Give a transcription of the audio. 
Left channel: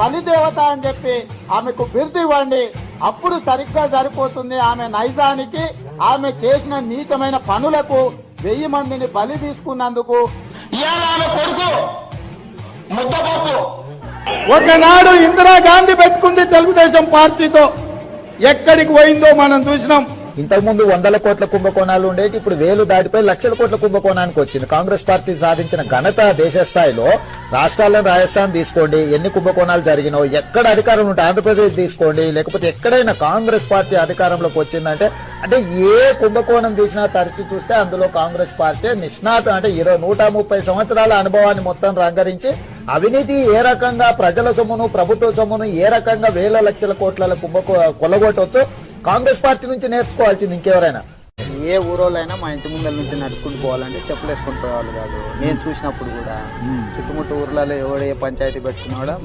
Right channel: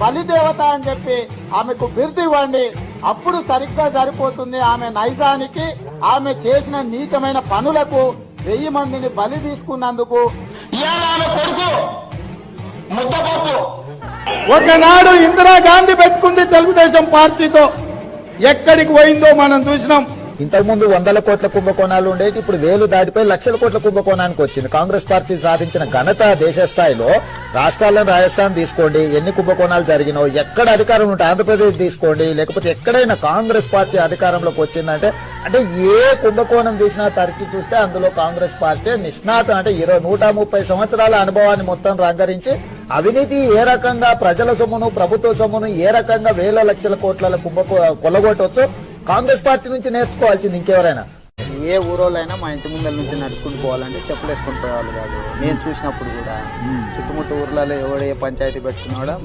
పని దేవత అని చెప్పి ఆమెకు బిరుదు ఇవ్వండి. అప్పుడు సరిగ్గా సరిపోతుంది. ఆమె నైజానికి ఆమె చేసిన నీచమైన పనులకు వెయ్యి మందిని బలి తీసుకున్నందుకు. ఇవాళ ఆమె కొడుకు ముద్దపప్పు ఒకనాడు ఇందిరాగాంధీ పెట్టుకుంది తెలుగుదేశం పార్టీతో. ఎక్కడికి పోయిందో మనం చూసినాం. ఇంతకుముందు వందల కోట్ల కుంభకోణాలు ఉండేది ఇప్పుడు వేలు దాటిపోయి లక్షల కోట్ల కుంభకోణానికి వచ్చింది. కాంగ్రెస్ పార్టీ సాధించిన ఘనత దేశ స్థాయిలో రాష్ట్రాల్లో రాజస్థాన్ తీసుకోండి ఎన్ని కుంభకోణాలు జరిగినో ఎక్కడ అధికారం ఉంటే ఆంధ్రప్రదేశ్ తీసుకోండి లేకపోతే ఎక్కడైనా కాంగ్రెస్ పార్టీ అధికారంలోకి వచ్చిందంటే అంటే ఏ కుంభకోణం తీసినా తరచి చూస్తే అందులో కాంగ్రెస్ పార్టీ నిష్ణాత అంటే ఇరవై నూట ముప్పై సంవత్సరాల అనుభవాన్ని మొత్తం రంగరించి అవినీతి ఏ రకంగా ప్రజల సొమ్మును ప్రభుత్వ సొమ్మును ఏ రకంగా వేల లక్షల కోట్ల కుంభకో కొలగొట్టవచ్చు కాంగ్రెస్ పార్టీ నుంచి నేర్చుకోవాల్సింది ఇంకెవరైనా? ఏ ఊరోళ్ళైనా మా ఇంటి ముందర నుంచి నడుచుకుంటూ పోవాలంటే చెప్పులు వేసుకొని పోయేవాళ్ళు కాదు. నేను చూసినప్పుడు కూడా చుట్టుముట్టు ఊర్లలో ఎవడు ఏ పంచాయతీ పెట్టుకున్నాడో